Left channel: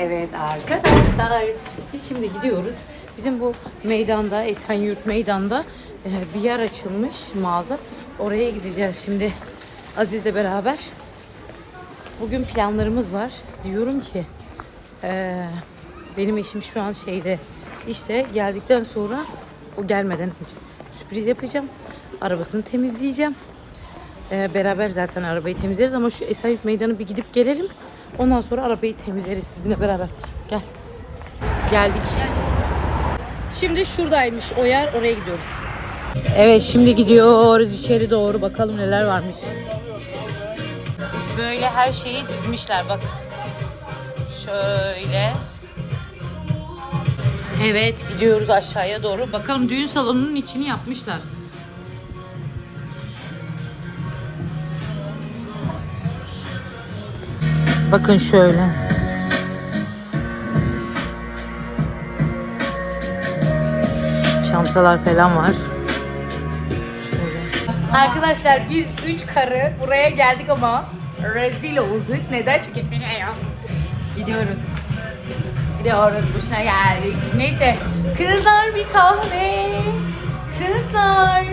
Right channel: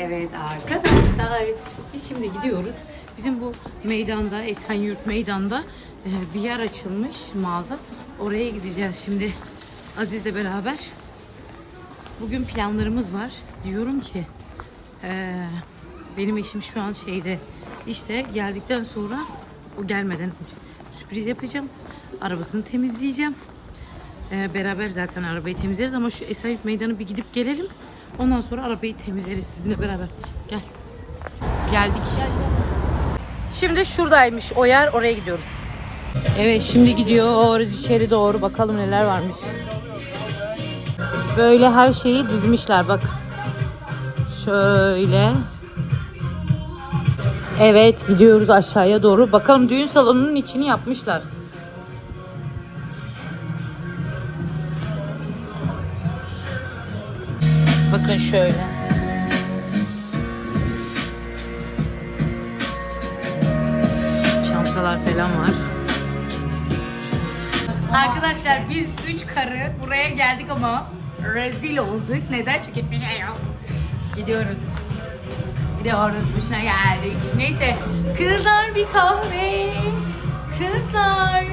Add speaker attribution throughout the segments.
Speaker 1: Evet arkadaşlar biz şimdi gidiyoruz. Bizim bu meydanda Esenyurt meydanda e, bir yer açılmış mağaza. Oraya gideceğiz şimdi Aziz'le beraber. Bugün planlarımız var. Diyorum ki e, benim eşim şu an şeyde işte geldikten sonra o gelmeden önce sürpriz yapacağım. Arabasını temizleyeceğim. Beraber zaten arabayı temizleriz ama şu Esenyurt Meydanı bir gidip gelelim. Ondan sonra arabayı temizleriz sizinle beraber. Gel. Geldik. Şimdi şuradaymış o yer. Oraya gidiyoruz. Evet şimdi gidiyoruz içeri doğru. Bakalım neler varmış. Böyle her şeyi dizmişler bak. Şöyle. Evet gidiyoruz aşağıya doğru. Bakalım düğün salonunun içini yapmışlar. Bakın şöyle. Çantalar falan var. Arkadaşlar biz üç karı buraya geldik ama rezil olduk. Neden? Çünkü hiçbir şey yok. Gidiyoruz. Gidiyoruz. Boşuna geldik. Neyse. Kızlar bir kahve. Kızlar.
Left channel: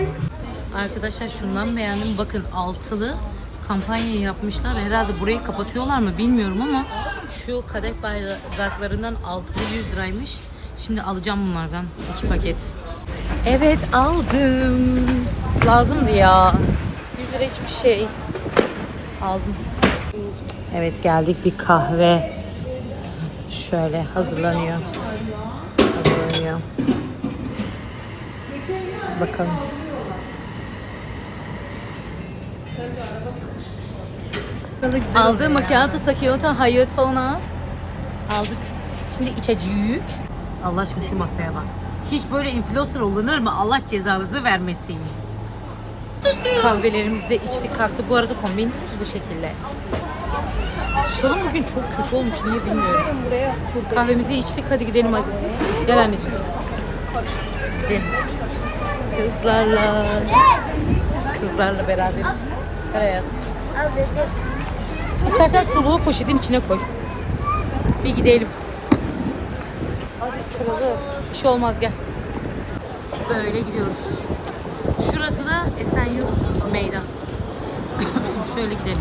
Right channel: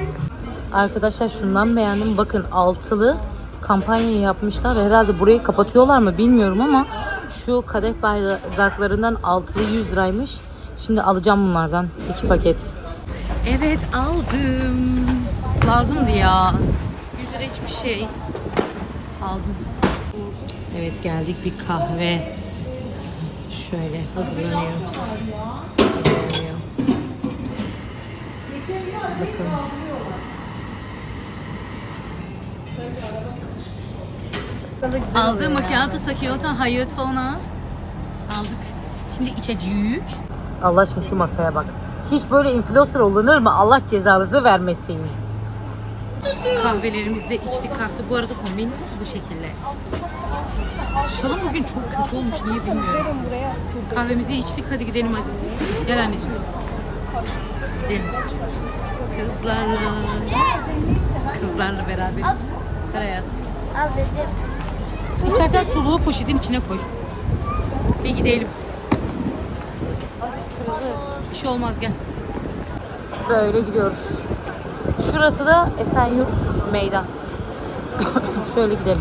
Speaker 1: Arkadaşlar şundan beğendim. Bakın altılı kampanya yapmışlar. Herhalde burayı kapatıyorlar mı bilmiyorum ama şu kadeh bardaklarından altılı 100 liraymış. Şimdi alacağım bunlardan iki paket. Evet aldım. Lazımdı ya. 100 lira hiçbir şey. Aldım. Evet geldik bir kahve. Şöyle hazırlanıyor. Hazırlanıyor. Bakalım. Aldığım macchiato sakioto hayatona aldık. Şimdi içeceğiz. Allah aşkına şu masaya bak. Hiç böyle influencer olunur mu? Allah cezanızı vermesin. Kahvelerimizi de içtik kalktı. Bu arada kombin bu şekilde. Şalım bugün çok kötü olmuş. Niye bilmiyorum. Kahvemizi içtik. Hadi gidelim Aziz. Gel anneciğim. Gidelim. Kızlarla. Kızlarla beraberiz. Gel hayatım. İstersen çubuğu poşetin içine koy. Bir gidelim. Aziz kırılır. Bir şey olmaz gel. Böyle gidiyoruz. Şurası da Esenyurt Meydan. Şöyle gidelim.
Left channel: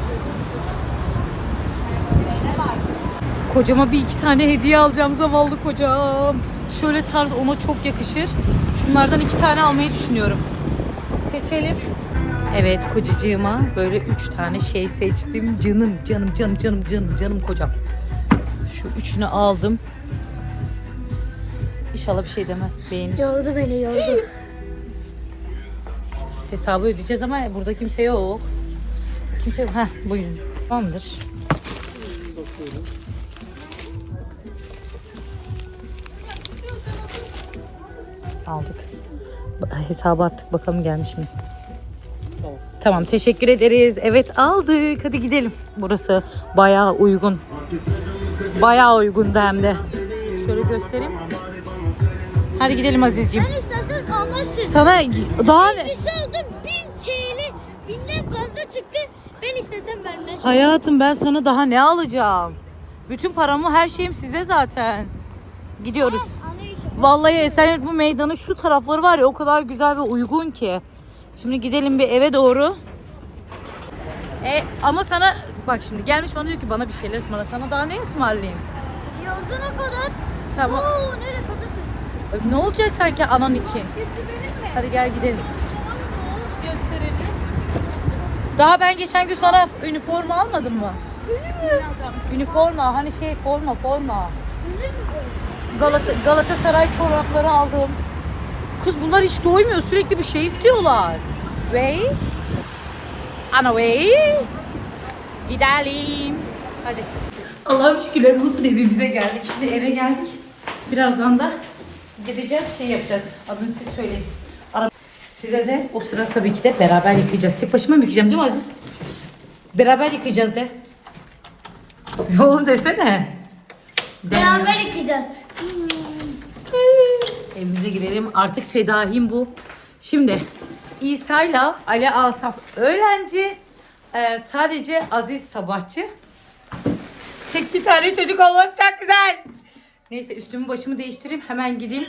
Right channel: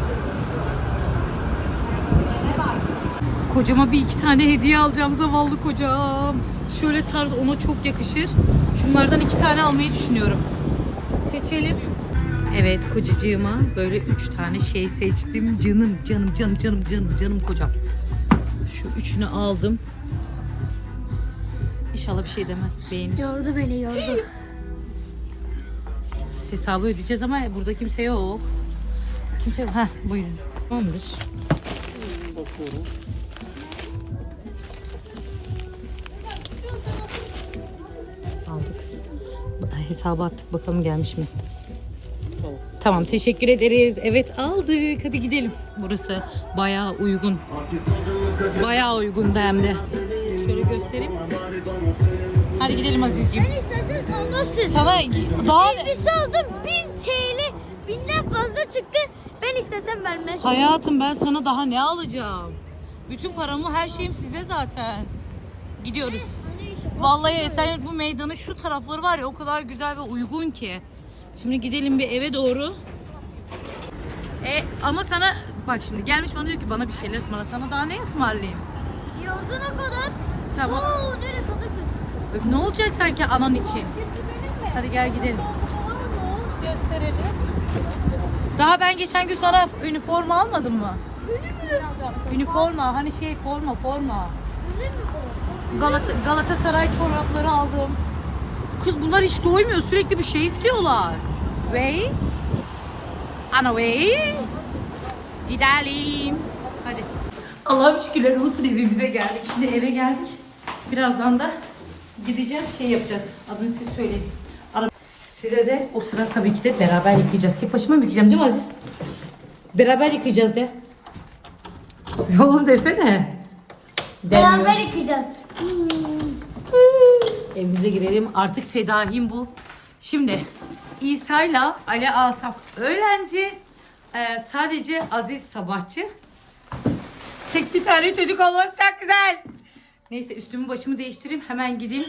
Speaker 1: Kocama bir iki tane hediye alacağım zavallı kocam. Şöyle tarz ona çok yakışır. Şunlardan iki tane almayı düşünüyorum. Seçelim. Evet kocacığıma böyle üç tane şey seçtim. Canım canım canım canım canım canım kocam. Şu üçünü aldım. İnşallah bir şey demez beğenir.
Speaker 2: Yordu beni yordu.
Speaker 1: Hesabı ödeyeceğiz ama burada kimse yok. Kimse yok. Heh buyurun. Tamamdır. Aldık. Hesabı attık bakalım gelmiş mi? Tamam teşekkür ederiz. Evet aldık. Hadi gidelim. Burası bayağı uygun. Bayağı uygun hem de. Şöyle göstereyim. Hadi gidelim Azizciğim.
Speaker 2: Ben istersen almazsın.
Speaker 1: Sana daha
Speaker 2: Birisi aldı 1000 TL. Binden fazla çıktı. Ben istesem vermez.
Speaker 1: Hayatım ben sana daha ne alacağım? Bütün paramı her şeyim size zaten. Gidiyoruz. Vallahi Esenyurt bu meydanı şu tarafları var ya o kadar güzel ve uygun ki. Şimdi gidelim bir eve doğru. E ama sana bak şimdi gelmiş bana diyor ki bana bir şeyler ısmarla. Sana daha ne ısmarlayayım?
Speaker 2: Yordun o kadar.
Speaker 1: Tamam.
Speaker 2: Oo nereye kadar kötü.
Speaker 1: Ne olacak sanki anan için? Hadi gel gidelim. Daha ben geçen gün sana üniforma almadım mı? Üniforma hani şey forma forma. Galata, Galatasaray çorapları aldım. Kız bunlar hiç doymuyor. Sürekli bir şey istiyorlar. Way. Ana way. Gidelim. Hadi. Allah'ım şükürler olsun evimize geldik. Şimdi eve geldik. Birazdan da gideceğiz şey yapacağız. Adını siz söyleyin. Ara Size de o sıra tabii ki de beraber yıkayacağız. Tek başıma mı yıkayacağım değil mi Aziz? Beraber yıkayacağız de. Oğlum desene. Demiyor.
Speaker 2: Beraber yıkayacağız.
Speaker 1: Evimize girelim. Artık fedahim bu. Şimdi İsa'yla Ali Asaf öğlenci. Ee, sadece Aziz sabahçı. Tek bir tane çocuk olması çok güzel. Neyse üstümü başımı değiştireyim. Hemen gideyim.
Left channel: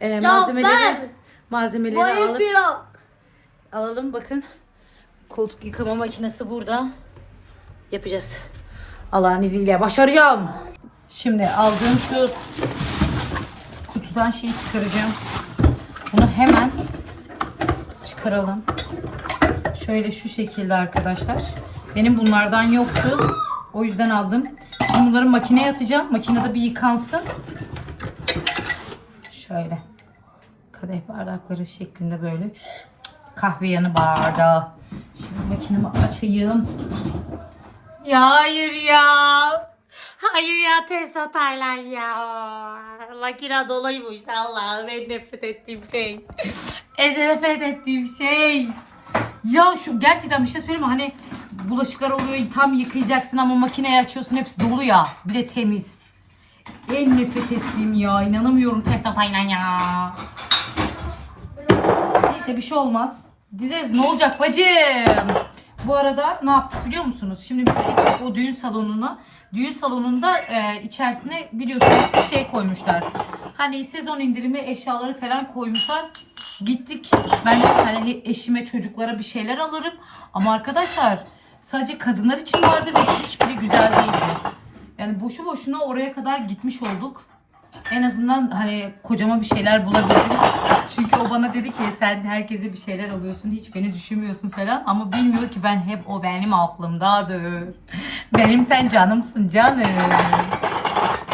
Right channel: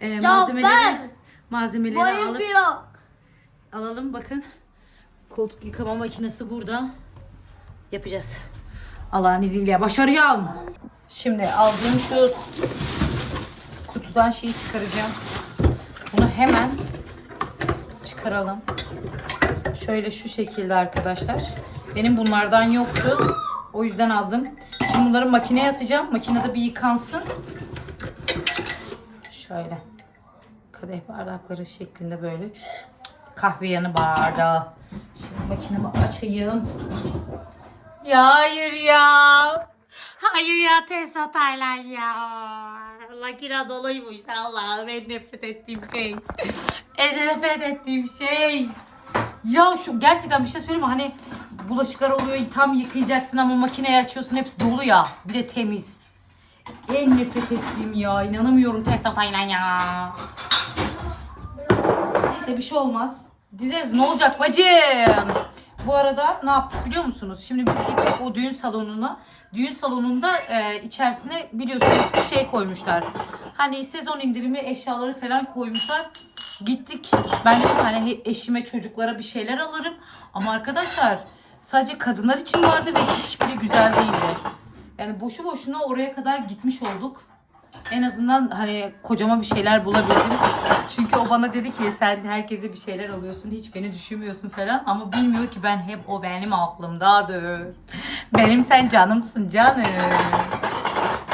Speaker 1: Ee, malzemeleri malzemeleri alıp alalım. Bakın. Koltuk yıkama makinesi burada. Yapacağız. Allah'ın izniyle başaracağım. Şimdi aldığım şu kutudan şeyi çıkaracağım. Bunu hemen çıkaralım. Şöyle şu şekilde arkadaşlar. Benim bunlardan yoktu. O yüzden aldım. Şimdi bunları makineye atacağım. Makinede bir yıkansın. Şöyle. Kadeh bardakları şeklinde böyle. Kahve yanı bardağı. Şimdi makinemi açayım. Ya hayır ya. Hayır ya Tesla Taylan ya. Makine doluymuş Allah'ım en nefret ettiğim şey. En nefret ettiğim şey. Ya şu gerçekten bir şey söyleyeyim mi? Hani bulaşıklar oluyor tam yıkayacaksın ama makineyi açıyorsun hepsi dolu ya. Bir de temiz. En nefret ettiğim ya. inanamıyorum Tesla Taylan ya. Neyse bir şey olmaz. Dizez ne olacak bacım? Bu arada ne yaptık biliyor musunuz? Şimdi biz gittik o düğün salonuna. Düğün salonunda e, içerisine biliyorsunuz bir şey koymuşlar. Hani sezon indirimi eşyaları falan koymuşlar. Gittik. Ben de hani eşime çocuklara bir şeyler alırım. Ama arkadaşlar sadece kadınlar için vardı ve hiçbiri güzel değildi. Yani boşu boşuna oraya kadar gitmiş olduk. En azından hani kocama bir şeyler bulabildim. Çünkü o bana dedi ki sen herkese bir şeyler alıyorsun hiç beni düşünmüyorsun falan. Ama bilmiyor ki ben hep o benim aklımdadır. Benim sen canımsın canım.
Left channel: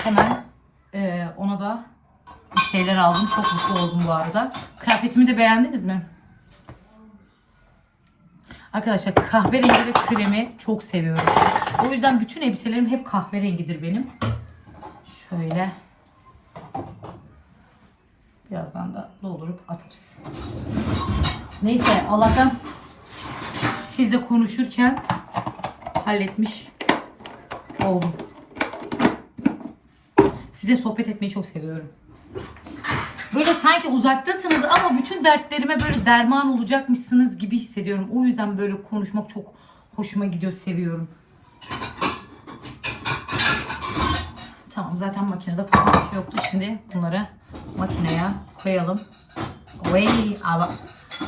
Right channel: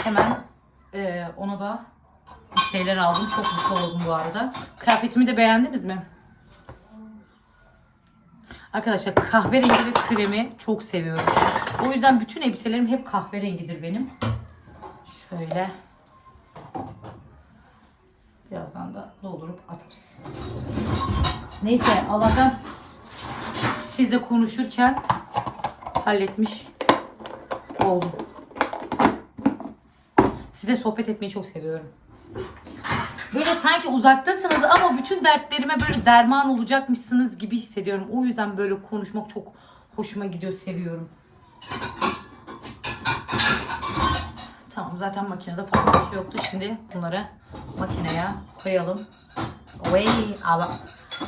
Speaker 1: Hemen e, ona da bir şeyler aldım. Çok mutlu oldum bu arada. Kıyafetimi de beğendiniz mi? Arkadaşlar kahverengi ve kremi çok seviyorum. O yüzden bütün elbiselerim hep kahverengidir benim. Şöyle. Birazdan da doldurup atarız. Neyse Allah'tan siz de konuşurken halletmiş oldum. Size sohbet etmeyi çok seviyorum. Böyle sanki uzaktasınız ama bütün dertlerime böyle derman olacakmışsınız gibi hissediyorum. O yüzden böyle konuşmak çok hoşuma gidiyor, seviyorum. Tamam zaten makinede falan bir şey yoktu. Şimdi bunları makineye koyalım. Oy, ama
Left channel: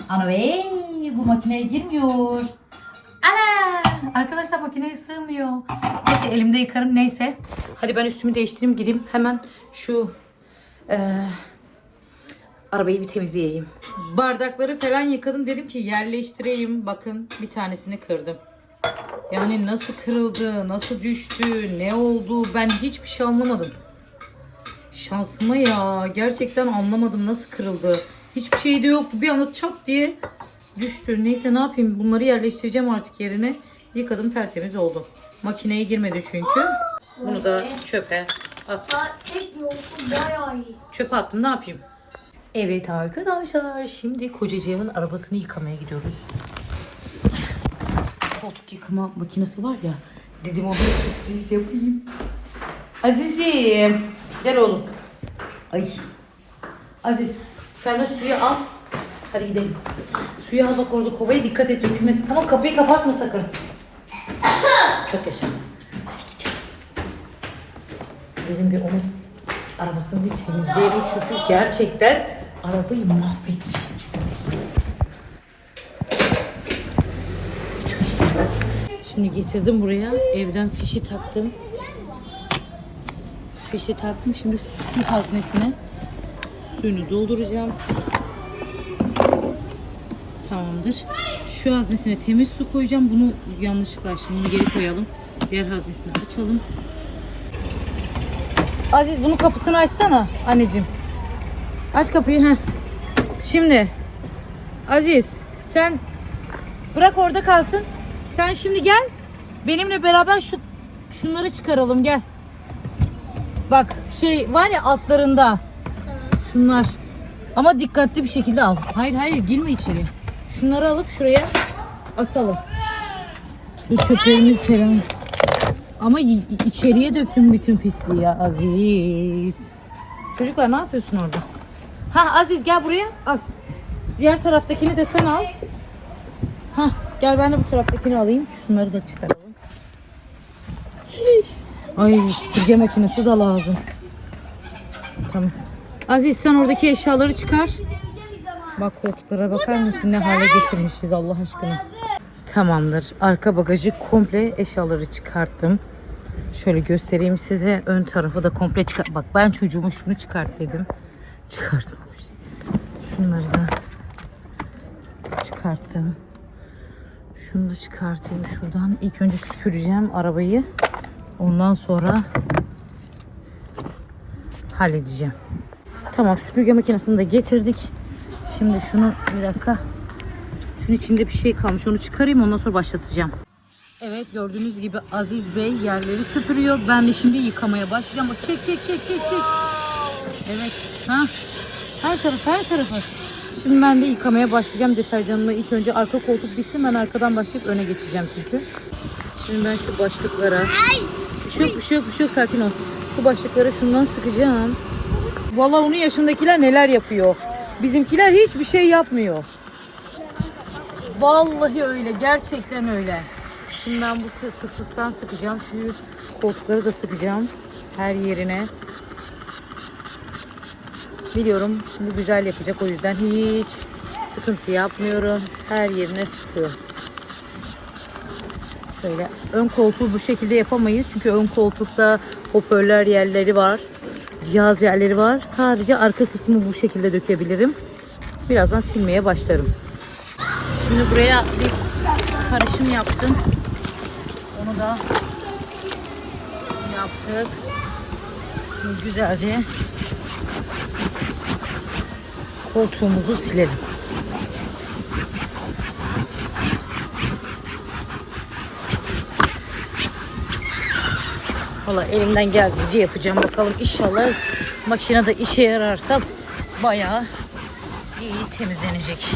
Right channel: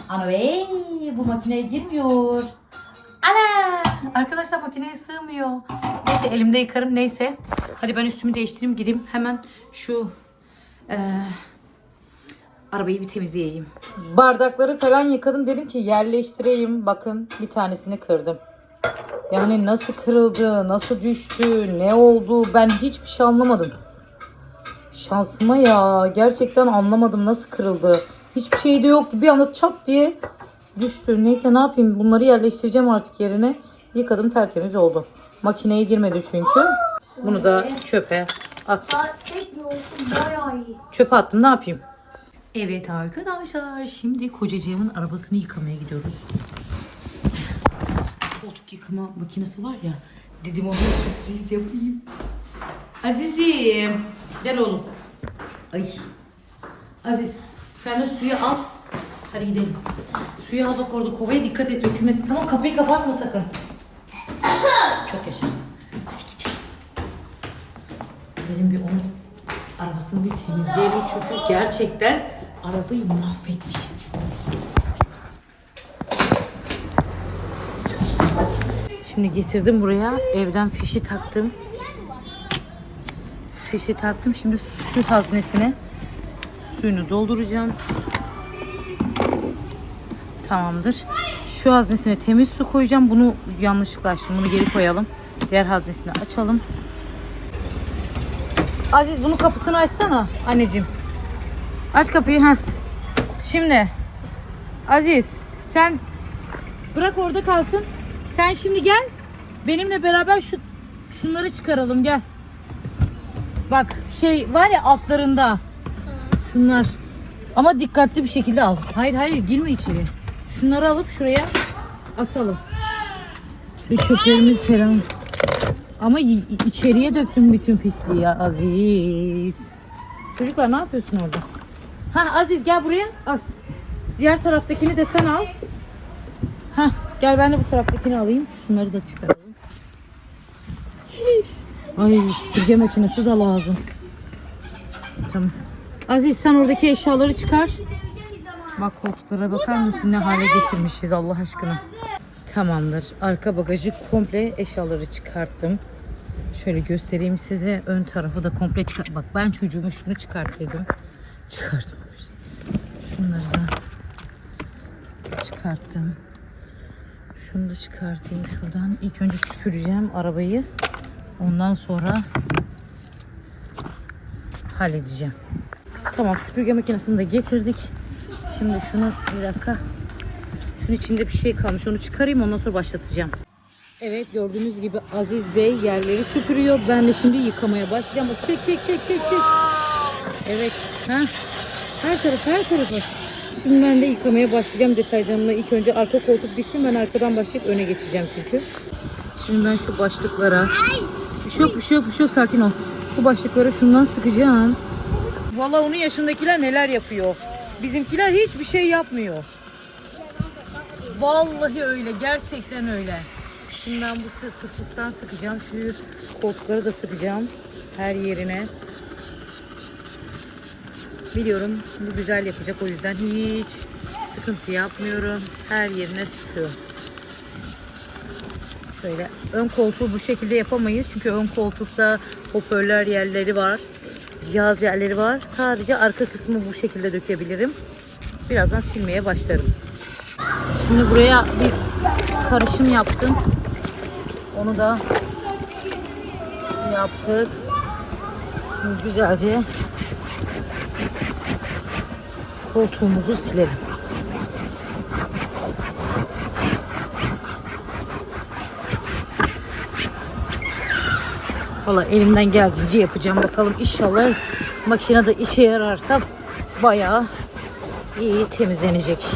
Speaker 1: ana bey, bu makineye girmiyor. Ana! Arkadaşlar makineye sığmıyor. Neyse elimde yıkarım neyse. Hadi ben üstümü değiştireyim gideyim hemen şu eee, arabayı bir temizleyeyim. Bardakları falan yıkadım dedim ki yerleştireyim. Bakın bir tanesini kırdım. Yani nasıl kırıldı, nasıl düştü, ne oldu ben hiçbir şey anlamadım. Şansıma ya gerçekten anlamadım nasıl kırıldı. Hiçbir şey de yoktu bir anda çat diye düştü. Neyse ne yapayım bunları yerleştireceğim artık yerine. Yıkadım tertemiz oldu. Makineye girmedi çünkü. Bunu da çöpe at. Çöpe attım ne yapayım? Evet arkadaşlar şimdi kocacığımın arabasını yıkamaya gidiyoruz. Koltuk yıkama makinesi var ya dedim ona sürpriz yapayım. Azizim gel oğlum. Ay. Aziz sen de suyu al. Hadi gidelim. Suyu al bak orada kovaya dikkat et dökülmesin. Tamam kapıyı kapatma sakın. Çok yaşa. Hadi gidelim. Dedim bir onun arabasını bir temizleyelim çünkü gerçekten arabayı mahvetmişiz. Şimdi getirdim buraya. Evden fişi taktım. Fişi taktım. Şimdi şu haznesine suyunu dolduracağım. Tamamdır. Şu haznesine temiz su koyacağım. Bunu yanlışlıkla açtım. Bunu geri koyalım. Diğer haznesini açalım. Aziz bunun kapısını açsana anneciğim. Aç kapıyı ha. Şimdi Aziz sen bırak orada kalsın. Sen şimdi gel. Benimle beraber şu şunları çıkaralım gel. Bak şey var ya altlarında. Şunlar. Ama dikkatli bir şekilde al. Hayır hayır girme içeri. Şunları alıp şuraya asalım. Şu çöplerimiz falan. Ama içeriye döktüm bütün pisliği ya Aziz. Çocuklar ne yapıyorsun orada? Ha Aziz gel buraya as. Diğer taraftakini de sen al. Gel ben de bu taraftakini alayım. Şunları da çıkaralım. Ay süpürge makinesi de lazım. Tamam. Aziz sen oradaki eşyaları çıkar. Bak koltuklara bakar mısın ne hale getirmişiz Allah aşkına. Tamamdır. Arka bagajı komple eşyaları çıkarttım. Şöyle göstereyim size. Ön tarafı da komple çıkar. Bak ben çocuğumu şunu çıkart dedim. Şunları da çıkarttım. Şunu da çıkartayım şuradan. İlk önce süpüreceğim arabayı. Ondan sonra halledeceğim. Tamam süpürge makinesini de getirdik. Şimdi şunu bir dakika. Şunun içinde bir şey kalmış. Onu çıkarayım ondan sonra başlatacağım. Evet gördüğünüz gibi Aziz Bey yerleri süpürüyor. Ben de şimdi yıkamaya başlayacağım. Çek çek çek çek çek. Evet. Ha. Her taraf her tarafı. Şimdi ben de yıkamaya başlayacağım deterjanla. İlk önce arka koltuk bitsin ben arkadan başlayıp öne geçeceğim çünkü. Şimdi ben şu başlıklara. Bir şey yok bir şey yok bir şey yok sakin ol. Şu başlıklara şundan sıkacağım. Vallahi onun yaşındakiler neler yapıyor. Bizimkiler hiçbir şey yapmıyor. Vallahi öyle. Gerçekten öyle. Şimdi ben bu fısfıstan sıkacağım. Şu koltukları da sıkacağım. Her yerine. Biliyorum bu güzel yapacak. O yüzden hiç sıkıntı yapmıyorum. Her yerine sıkıyorum. Şöyle ön koltuğu bu şekilde yapamayız. Çünkü ön koltukta hoparlör yerleri var. Cihaz yerleri var. Sadece arka kısmı bu şekilde dökebilirim. Birazdan silmeye başlarım. Şimdi buraya bir karışım yaptım. Onu da yaptık. Şimdi güzelce koltuğumuzu silelim. Valla elimden geldiğince yapacağım. Bakalım inşallah makinede işe yararsa bayağı iyi temizlenecek.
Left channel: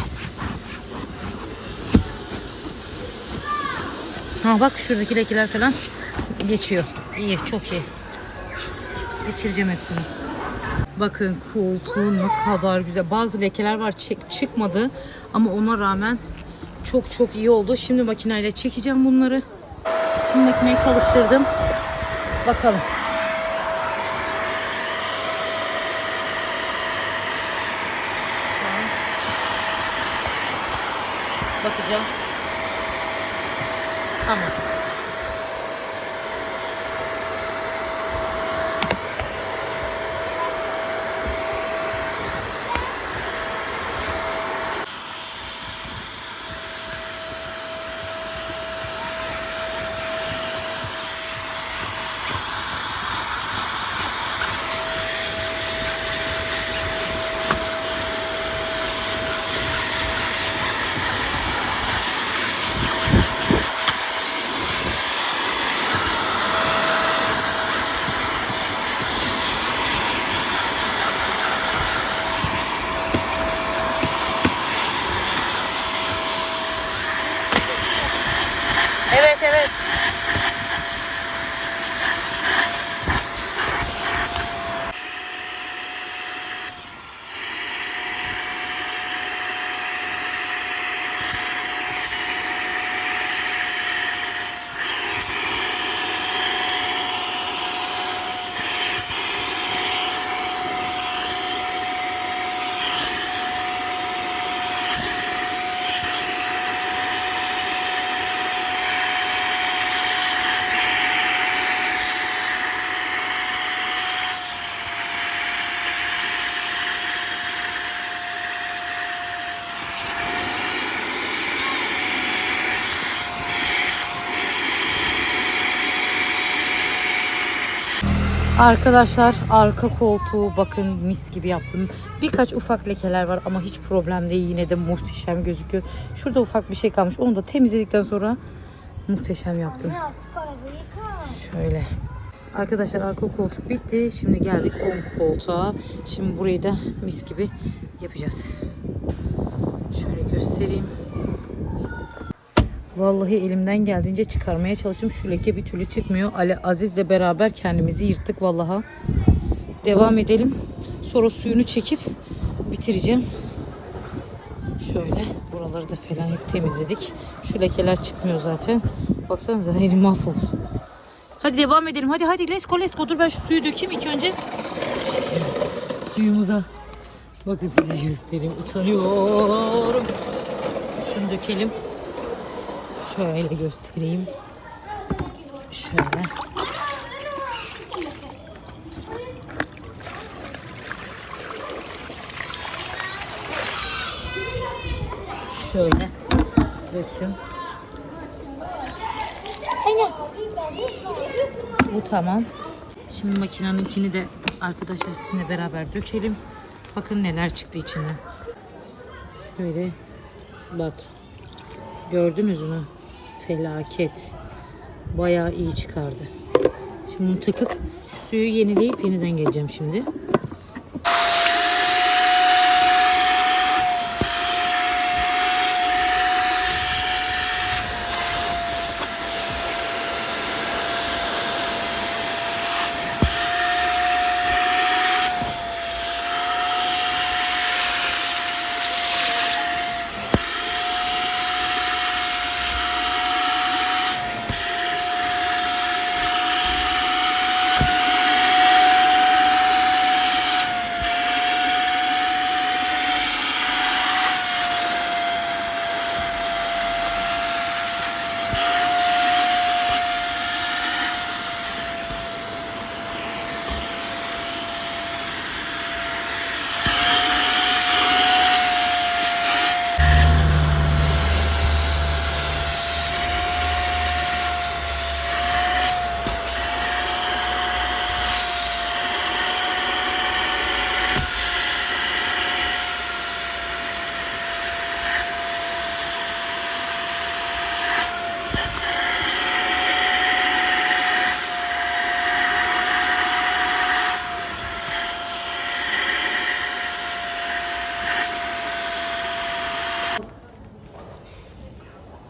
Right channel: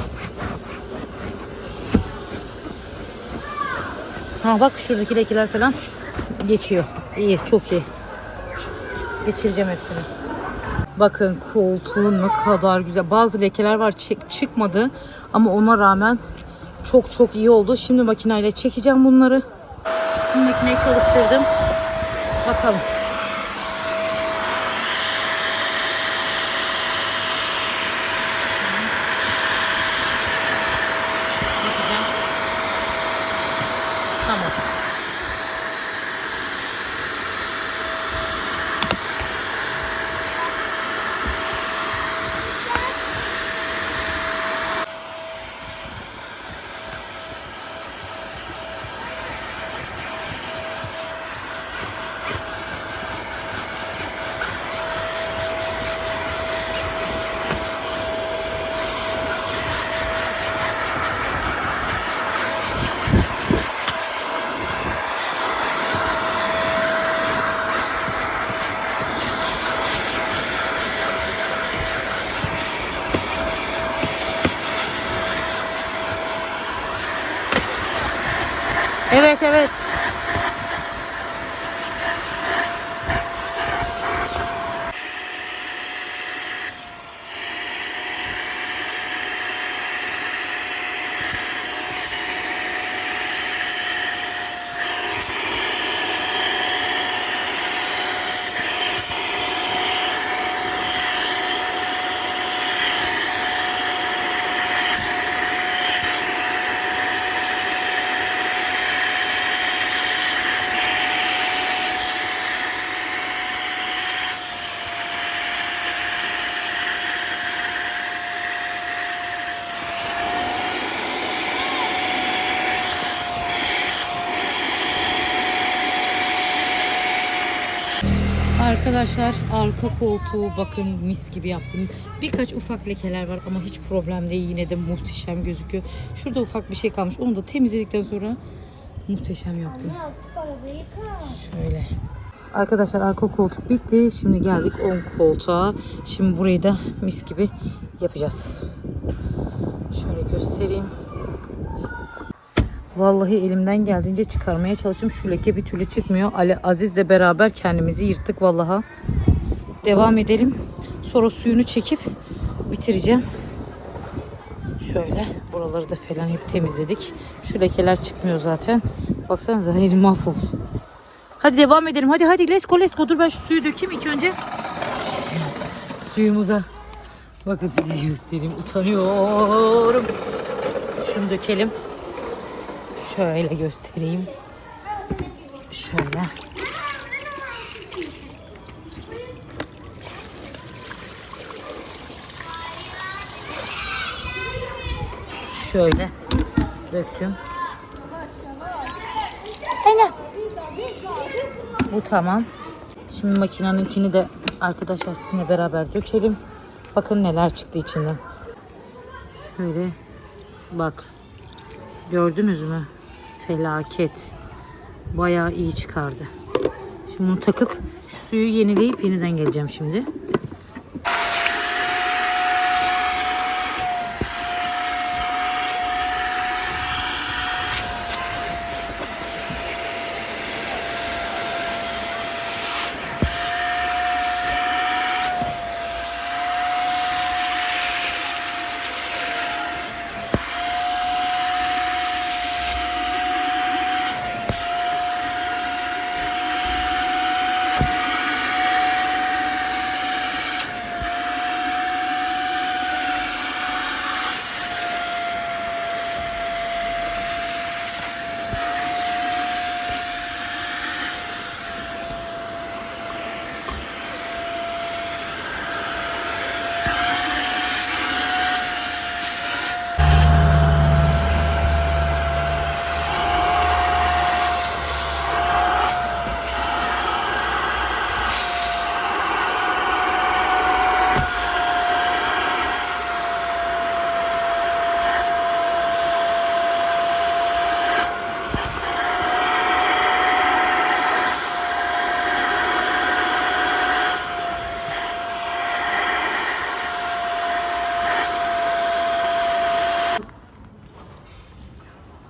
Speaker 1: Ha bak şuradaki lekeler falan geçiyor. İyi çok iyi. Geçireceğim hepsini. Bakın koltuğu ne kadar güzel. Bazı lekeler var çık- çıkmadı ama ona rağmen çok çok iyi oldu. Şimdi makineyle çekeceğim bunları. Şimdi makineyi çalıştırdım. Bakalım. Bakacağım. Tamam. Evet evet. Arkadaşlar arka koltuğu bakın mis gibi yaptım. Birkaç ufak lekeler var ama hiç problem değil. Yine de muhteşem gözüküyor. Şurada ufak bir şey kalmış. Onu da temizledikten sonra muhteşem yaptım. Şöyle. Arkadaşlar arka koltuk bitti. Şimdi geldik ön koltuğa. Şimdi burayı da mis gibi yapacağız. Şöyle göstereyim. Vallahi elimden geldiğince çıkarmaya çalıştım. Şu leke bir türlü çıkmıyor. Ali Aziz'le beraber kendimizi yırttık vallaha. Devam edelim. Sonra suyunu çekip bitireceğim. Şöyle buraları da falan hep temizledik. Şu lekeler çıkmıyor zaten. Baksanıza elim mahvoldu. Hadi devam edelim. Hadi hadi let's go let's go. Dur ben şu suyu dökeyim ilk önce. Suyumuza. Bakın size göstereyim. Utanıyorum. Şunu dökelim. Şöyle göstereyim. Şöyle. Şöyle döktüm.
Speaker 2: Anne.
Speaker 1: Bu tamam. Şimdi makineninkini de arkadaşlar sizinle beraber dökelim. Bakın neler çıktı içinden. Şöyle bak. Gördünüz mü? Felaket. Bayağı iyi çıkardı. Şimdi bunu takıp suyu yenileyip yeniden geleceğim şimdi.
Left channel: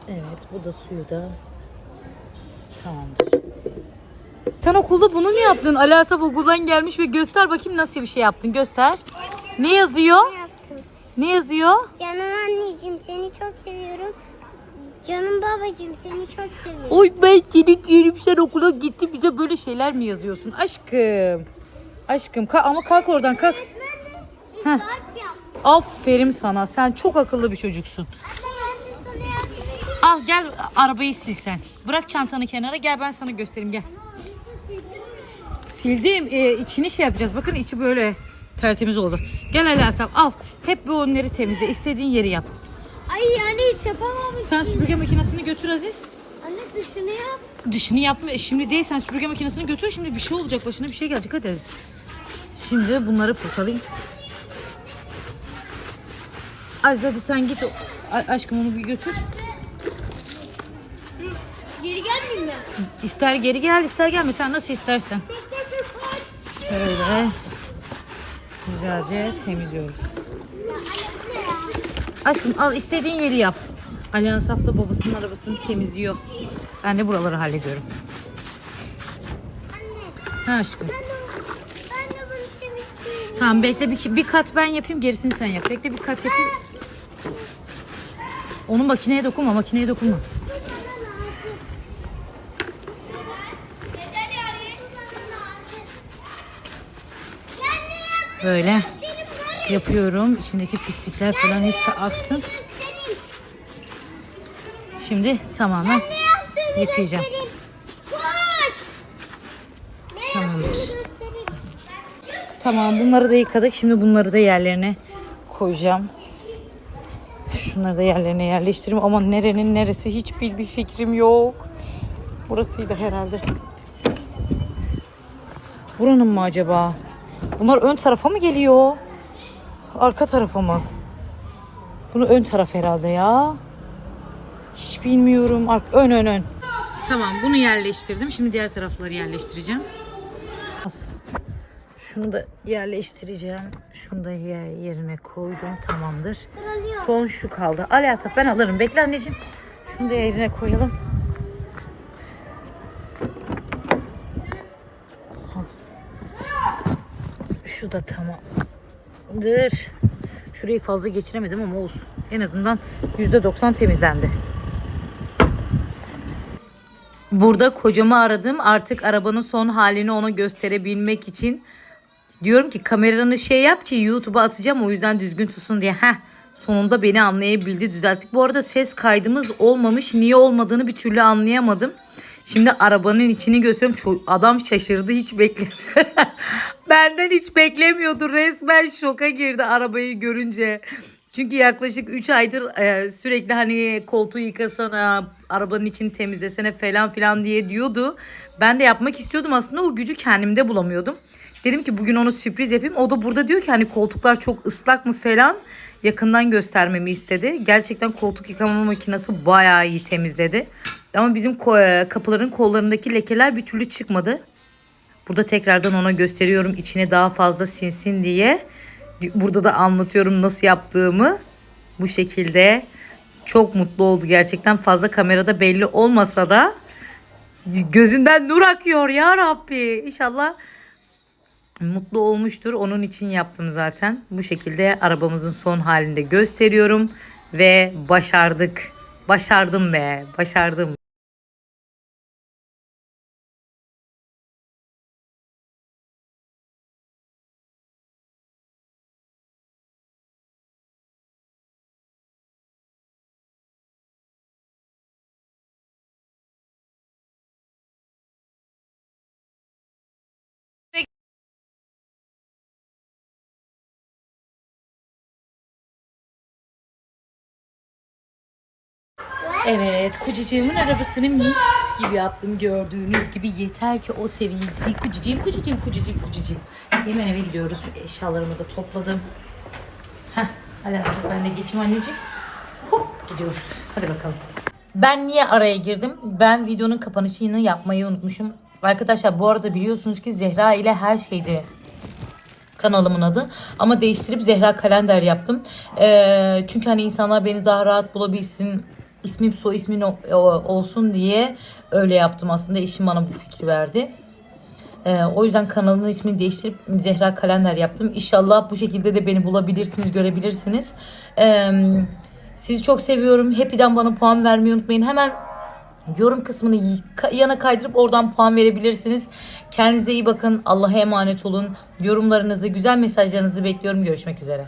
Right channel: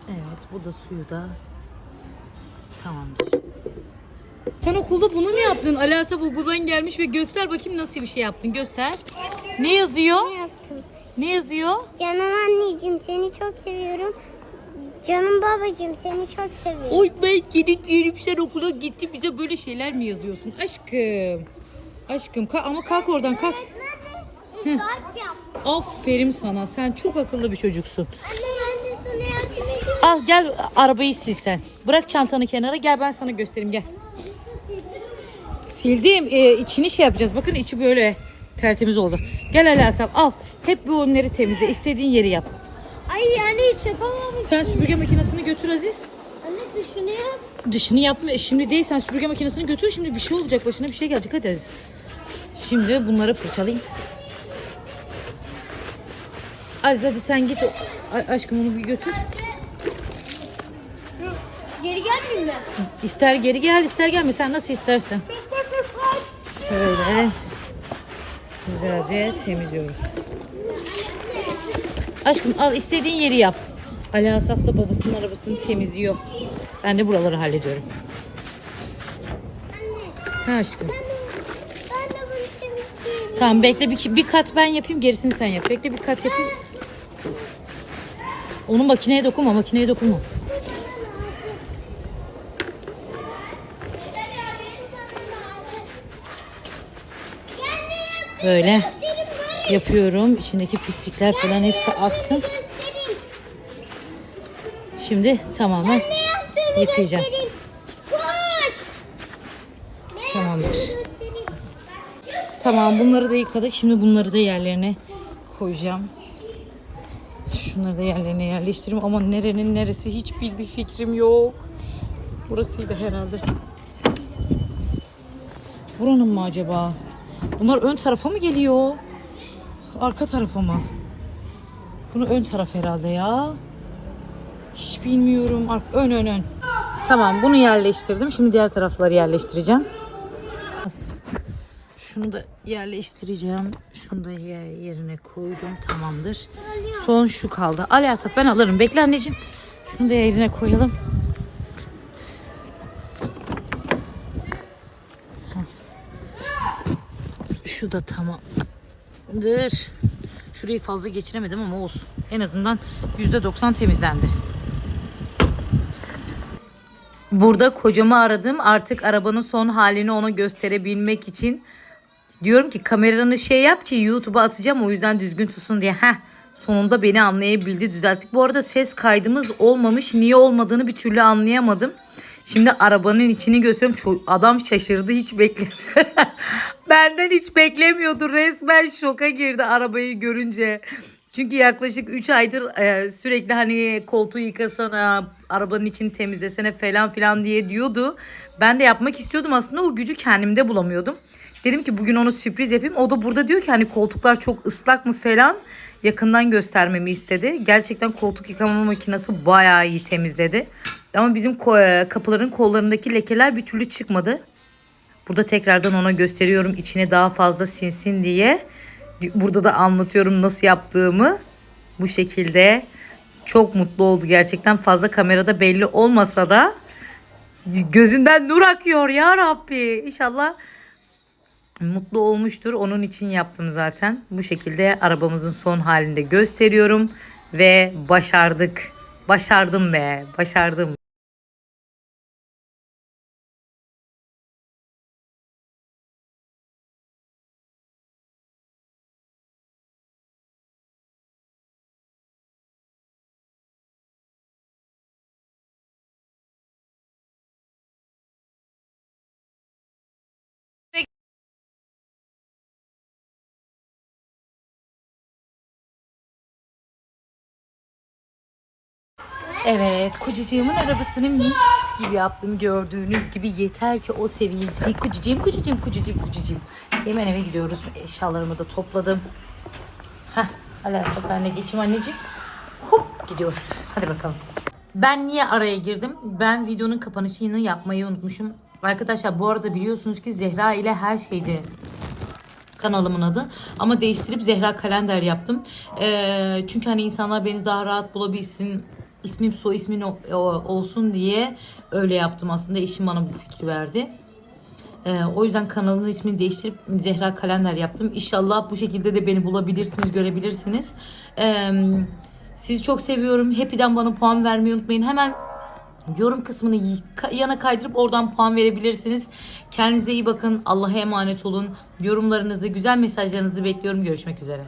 Speaker 1: Evet bu da suyu da tamamdır. Sen okulda bunu mu yaptın? Ali Asaf okuldan gelmiş ve göster bakayım nasıl bir şey yaptın. Göster. Ne yazıyor? Ne yazıyor?
Speaker 2: Canım anneciğim seni çok seviyorum. Canım babacığım seni çok seviyorum.
Speaker 1: Oy ben seni yerim sen okula gitti bize böyle şeyler mi yazıyorsun? Aşkım. Aşkım ka- ama kalk oradan kalk.
Speaker 2: Yap.
Speaker 1: Aferin sana. Sen çok akıllı bir çocuksun.
Speaker 2: Anne ben de sana yardım edeyim.
Speaker 1: Al gel arabayı sil sen. Bırak çantanı kenara gel ben sana göstereyim gel. Sildim. Ee, içini şey yapacağız. Bakın içi böyle tertemiz oldu. Gel Ali Asaf al. Hep bu önleri temizle. İstediğin yeri yap.
Speaker 2: Ay yani hiç yapamamışsın.
Speaker 1: Sen süpürge makinesini götür Aziz.
Speaker 2: Anne dışını yap.
Speaker 1: Dişini yapma. E, Şimdi değil sen süpürge makinesini götür. Şimdi bir şey olacak. Başına bir şey gelecek. Hadi Aziz. Şimdi bunları fırçalayayım. Aziz hadi sen git. A- aşkım onu bir götür.
Speaker 2: Geri gelmeyeyim mi?
Speaker 1: İster geri gel ister gelme. Sen nasıl istersen. Şöyle. Güzelce temizliyoruz. Aşkım al istediğin yeri yap. Ali Asaf da babasının arabasını temizliyor. Ben de buraları hallediyorum. Ha aşkım. Tamam bekle bir, bir kat ben yapayım gerisini sen yap. Bekle bir kat yapayım. Onu makineye dokunma makineye dokunma. Böyle yapıyorum. İçindeki pislikler falan hepsi aksın. Şimdi tamamen yıkayacağım. Tamamdır. Tamam bunları da yıkadık. Şimdi bunları da yerlerine koyacağım. Şunları da yerlerine yerleştireyim ama nerenin neresi hiç bir, bir fikrim yok. Burasıydı herhalde. Buranın mı acaba? Bunlar ön tarafa mı geliyor? Arka tarafa mı? Bunu ön taraf herhalde ya. Hiç bilmiyorum. Ön ön ön. Tamam bunu yerleştirdim. Şimdi diğer tarafları yerleştireceğim. Şunu da yerleştireceğim. Şunu da yer- yerine koydum. Tamamdır. Son şu kaldı. Ali Asaf ben alırım. Bekle anneciğim. Şunu da yerine koyalım. Şu da tamamdır. Şurayı fazla geçiremedim ama olsun. En azından %90 temizlendi. Burada kocamı aradım. Artık arabanın son halini ona gösterebilmek için diyorum ki kameranı şey yap ki YouTube'a atacağım o yüzden düzgün tutsun diye. Heh sonunda beni anlayabildi düzelttik. Bu arada ses kaydımız olmamış. Niye olmadığını bir türlü anlayamadım. Şimdi arabanın içini gösteriyorum. Ço- Adam şaşırdı hiç bekle. Benden hiç beklemiyordu. Resmen şoka girdi arabayı görünce. Çünkü yaklaşık 3 aydır e, sürekli hani koltuğu yıkasana, arabanın içini temizlesene falan filan diye diyordu. Ben de yapmak istiyordum aslında o gücü kendimde bulamıyordum. Dedim ki bugün onu sürpriz yapayım. O da burada diyor ki hani koltuklar çok ıslak mı falan yakından göstermemi istedi. Gerçekten koltuk yıkama makinesi bayağı iyi temizledi. Ama bizim e, kapıların kollarındaki lekeler bir türlü çıkmadı. Burada tekrardan ona gösteriyorum içine daha fazla sinsin diye. Burada da anlatıyorum nasıl yaptığımı. Bu şekilde çok mutlu oldu gerçekten fazla kamerada belli olmasa da gözünden nur akıyor ya Rabbi. İnşallah mutlu olmuştur. Onun için yaptım zaten. Bu şekilde arabamızın son halinde gösteriyorum ve başardık. Başardım be, başardım. Evet, kocacığımın arabasını mis gibi yaptım gördüğünüz gibi. Yeter ki o sevilsin. Kocacığım, kocacığım, kocacığım, kocacığım. Hemen eve gidiyoruz. Eşyalarımı da topladım. Heh, Alasya ben de geçeyim anneciğim. Hop gidiyoruz. Hadi bakalım. Ben niye araya girdim? Ben videonun kapanışını yapmayı unutmuşum. Arkadaşlar bu arada biliyorsunuz ki Zehra ile her şeydi kanalımın adı. Ama değiştirip Zehra Kalender yaptım. Ee, çünkü hani insanlar beni daha rahat bulabilsin. İsmim soy ismin o- olsun diye öyle yaptım aslında. Eşim bana bu fikri verdi. Ee, o yüzden kanalın ismini değiştirip Zehra Kalender yaptım. İnşallah bu şekilde de beni bulabilirsiniz, görebilirsiniz. Ee, sizi çok seviyorum. Happy'den bana puan vermeyi unutmayın. Hemen yorum kısmını yana kaydırıp oradan puan verebilirsiniz. Kendinize iyi bakın. Allah'a emanet olun. Yorumlarınızı, güzel mesajlarınızı bekliyorum. Görüşmek üzere.